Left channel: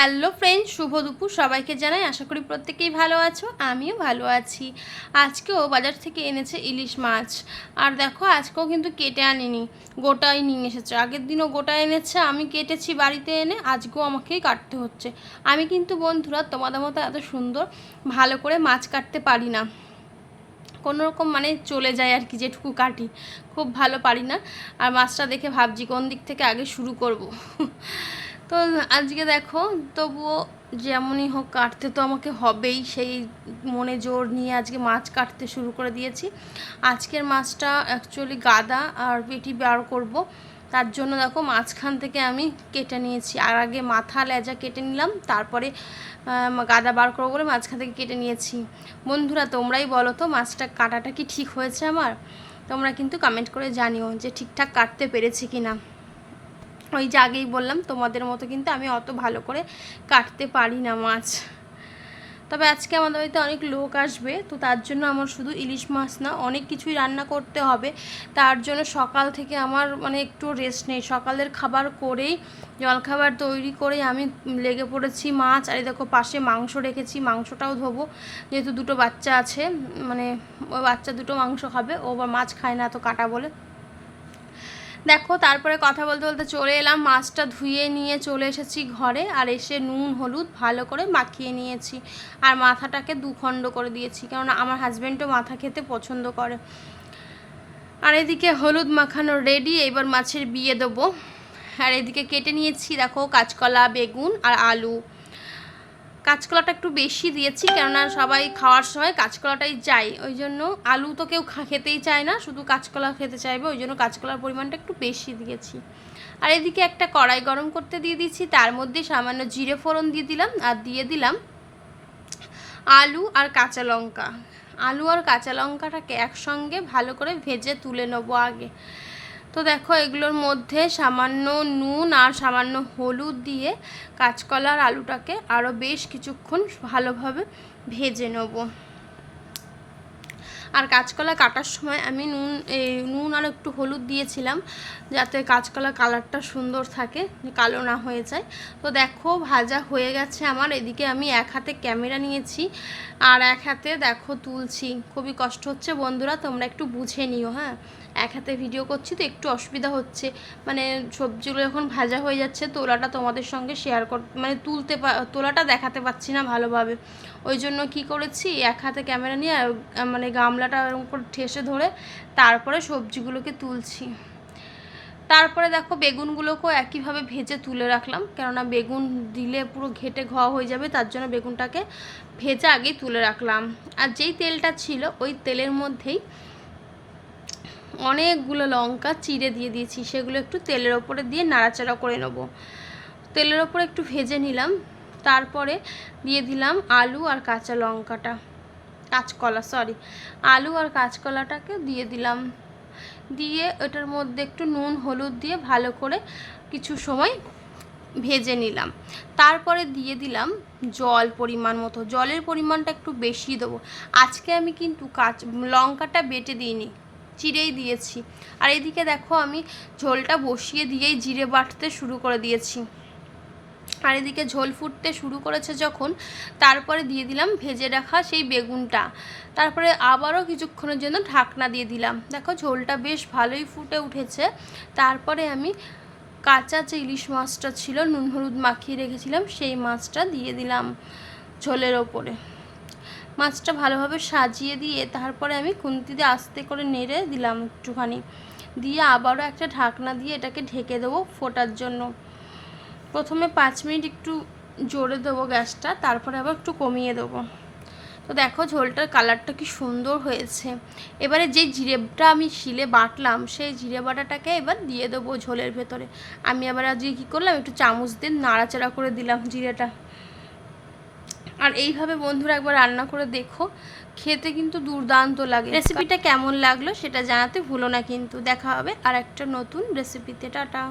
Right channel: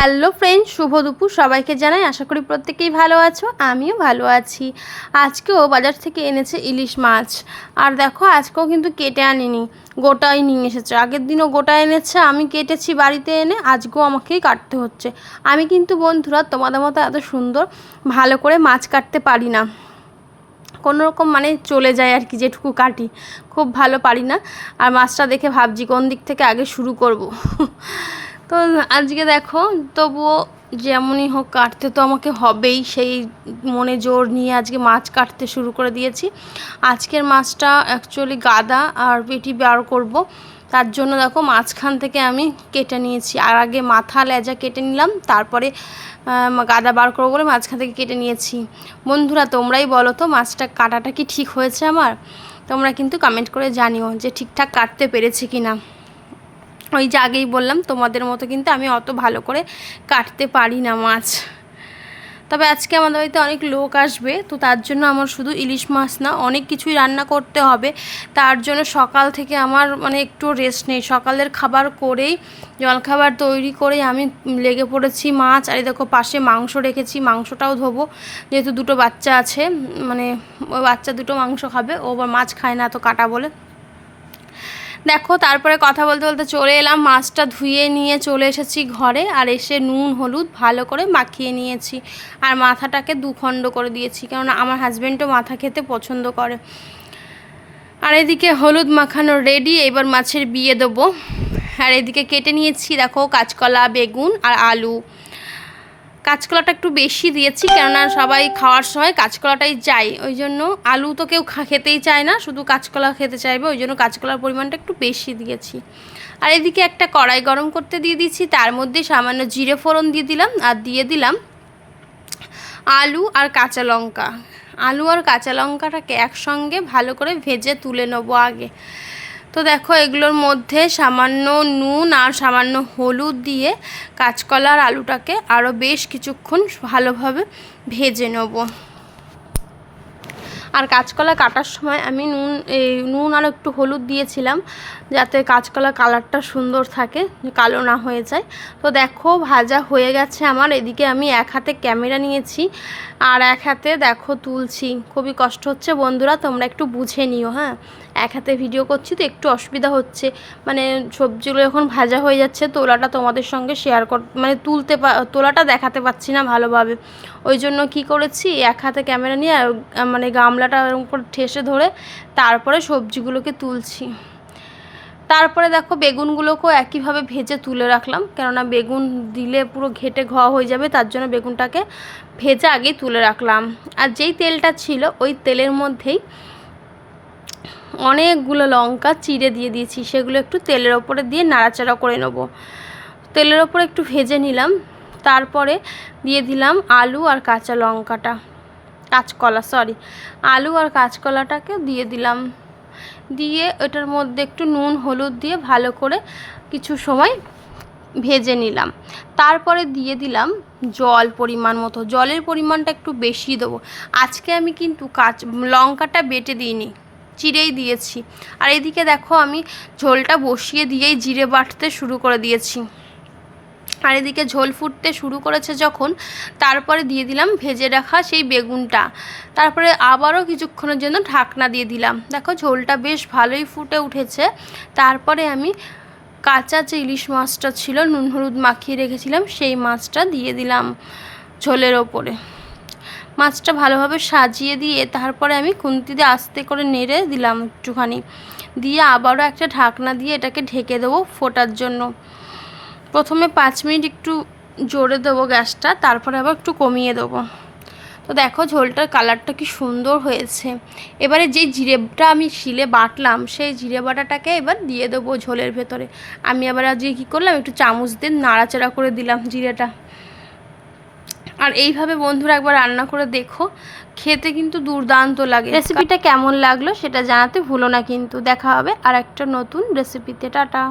Hello friend, শুভ দুপুর সবাইকে জানাই। আশা করি প্রত্যেকেই ভালো আছো, আমিও ভালো আছি। আজকেও বাজার থেকে এনেছে ইলিশ মাছ। আর দেখো, আজকেও কিন্তু কেটে আনিনি, গোটাই নিয়ে এসেছে। আগের দিনও গোটা এনেছে, আমি কেটেছি বাড়িতে এনে, আজকেও আমাকেই কাটতে হচ্ছে। আমি কিন্তু বন্ধুরা তোমাদের মতো এত সুন্দর ভালো করে মাছ কাটতে পারি না, কোনো রকম মানে চলে যায় আর কি, যেটুকু কাটি খুব ভালো পারি না। আর মাছটা দেখে ভাবছি কোন দিক থেকে আগে শুরু করব। তো আজকে দেখো, তবুও যেমনই হোক কাটতে তো আমাকে হবেই, সেই মনে জোর নিয়ে আজকে মাছ কাটতে শুরু করে দিয়েছি। আজকের মাছটা অ্যাকচুয়ালি গাদা আর পেটি বার করব, তার জন্য দেখো মাঝখান থেকে আমি কেটে নিয়েছি। আর আগে মাথা লেজা কেটে নিলাম, তারপরে গাদা বার করবো বলে মাঝখান থেকে কেটে নিয়েছি। বন্ধুরা তোমরাই বলো তো, মাছটা কাটাটা কি ঠিক হয়েছে আমার? তোমরা কিন্তু কমেন্ট করে জানিও যে ঠিকঠাক কাটতে পেরেছি কি না। ওই যে আগেই বললাম, তোমাদের মতো কিন্তু আমি অত ভালো করে কাটতে পারি না মাছ। তবে আজকে আমাদের বাড়িতে অনেক লোক আসবে, তো তার জন্য আমার শুধু ইলিশ মাছ না, অনেক কিছুই রান্না করতে হবে। তার জন্য সকাল থেকে আমার মানে একটু রেস্ট নেই। সকালের খাবার করেই, জলখাবার তৈরি করেই আমি লেগে পড়েছি মাছ। আর দেখো পাশে মাংস রেখেছি, মাংসটাও ধোবো, যেহেতু দুটো বাচ্চা আছে, মানে ওই বাচ্চা দুটো মাংস খাবে, ও আবার মাছ খায় না তো কাটা বলে। দেখো তারপরে কথা বলতে বলতে চলে এলাম, মাছটা ধুয়ে নিয়ে চলে এসেছি ঘরে। আর এসে নুন হলুদ ভালো করে মাখিয়ে নিয়েছি, আর মাথাটাকে দুখণ্ড করে দিয়েছি, কেননা আমার হাজব্যান্ডও মাথা খেতে পছন্দ করে। আর এদিকে হলুদ মাখানো রেডি, এবার মাছের বিয়ে দেবো। আর এদিকে কেটে নিয়েছি দেখো কাঁচকলা, বেগুন আর আলু। কাঁচকলাটা একটু বেশি দিয়েছি, কেননা সবাই খাওয়ার সময় কাঁচকলাটাই চাই, ওই জন্য। আলু তো কেউ খেতেই চায় না, শুধু কাঁচকলা খেতে চাইবে, ওই জন্য কাঁচকলার পরিমাণটা একটু বেশি দিয়েছি। আর এদিকে একটা কড়াই গরম করতে দিয়ে দিচ্ছি, তার মধ্যে সামান্য জিরে ফোড়ন দিয়ে দিলাম, আর দিয়ে দিলাম আলু আর কাঁচা লঙ্কা। আলু আর কাঁচা লঙ্কাটাকে একসঙ্গে ভালো করে ভেজে তুলে নেবো আগে। তো দেখো এগুলোর মধ্যে সামান্য নুন আর সামান্য হলুদ দিয়ে কাঁচকলা আর আলুটাকে আরও বেশ কিছুক্ষণ ভালোভাবে ভেজে নেব। আর কাঁচকলা কাটার সময় আমি নুন আর একটু হলুদ দিয়েছিলাম, যাতে কাঁচকলা কালারটা সুন্দর থাকে, কালো না হয়ে যায়। তো দেখো ভাজা হয়ে গেছে আমার। এদিকে আমি এক হাতে ক্যামেরা নিয়েছি আর এক হাতে দেখো তুলছি। খুবই কষ্ট হচ্ছে বন্ধুরা, তোমরা একটু বুঝে নিও। হ্যাঁ, এক হাতে ভিডিও করছি তো একটু অসুবিধা হচ্ছে, মানে সবজিগুলো যখন ভাজা হয়ে যাচ্ছে তোলাটা তোমাদের সঙ্গে শেয়ার মানে তোলাটা দেখাতে পাচ্ছি না ভালোভাবে। ওই জন্য কি করেছি, এক হাতে ক্যামেরা নিয়ে মানে গামলাটা এরকম করে ঠেসে ধরে তারপরে সবজিগুলোকে তুলছি। তারপরে দেখো বেগুনগুলোকেও একইভাবে ভেজে তুলে রাখলাম, কেননা বেগুন দিলে পুরো ঘেটে ঘোয়া হয়ে যাবে, তার জন্য বেগুনটাকে ভেজে আগেই তুলে রাখলাম। আর যেই তেলটা ছিল ওই তেলের মধ্যেই অনেকগুলো লঙ্কা চিড়ে দিয়ে দিয়েছি, সেগুলো একটু তেলের ওপরে দিয়ে নাড়াচাড়া করে নেব। তেলের ওপরে একটু ভেজে নিলাম, তারপরে দিয়ে দিলাম আলু আর কাঁচা লঙ্কাটা, আলু আর কাঁচকলাটাকে দিয়ে দিলাম। দিয়ে এটার মধ্যে একটু নুন হলুদ দিয়ে ভালো করে কিছু সময় ভেজে নিলাম। তারপরে দিয়ে দিলাম জল পরিমাণ মতো। জলের পরিমাণটা একটু বেশি দেবো। আজকে আমি কিন্তু লঙ্কাটা বেটে দিইনি, চিড়েই দিয়েছি। আর এদিকে দেখো আমি ঝোলটা বসিয়ে দিয়েই জিরে বাটতে শুরু করে দিয়েছি। আর এদিকে ঝোল ফুটতে শুরু করেছে যখন, তারপরে দিয়ে দিলাম ভেজে রাখা সেই বেগুনটা। তারপরে আবারও কিছুক্ষণের জন্য ঢাকনা দিয়ে দিলাম। দেখো ঝোলটা বেশ ভালোই ফুটে উঠেছে। তারপরে আমি কাঁচা যে ইলিশ মাছটা ছিল, নুন হলুদ মাখিয়ে রেখেছিলাম, সেই মাছটা দিয়ে দিলাম ঝোলের ওপরে। মাছটা ভালোভাবে সাজিয়ে দিয়ে তারপরে আমি খুন্তি দিয়ে আস্তে করে নেড়ে দিলাম একটুখানি, দিয়ে আবারও একটা ঢাকনা দিয়ে এটাকে ঢেকে দেবো ফোটার জন্য। প্রথমে 5 মিনিট একটু জোরে দেবো গ্যাসটা, তারপরে আবার একটু কমিয়ে দেবো। তো দেখো ঝোলটার কালারটা কি সুন্দর হয়েছে। এবারে যে জিরেটা আমি শিলে বাটলাম, সেই জিরে বাটাটাকে এবার দিয়ে দেবো ঝোলের ভেতরে। আমি আবার আজকে কী করলাম, একটু চামচ দিয়ে নাড়াচাড়া করে দিলাম জিরেটা। আর এইভাবে বন্ধুরা একবার রান্না করে দেখো, খেতে কিন্তু দুর্দান্ত লাগে। রেসিপিটা কেমন লাগলো সেটা জানাতে ভুলো না কিন্তু। দেখা হবে আর একটা নতুন রেসিপিতে। টাটা।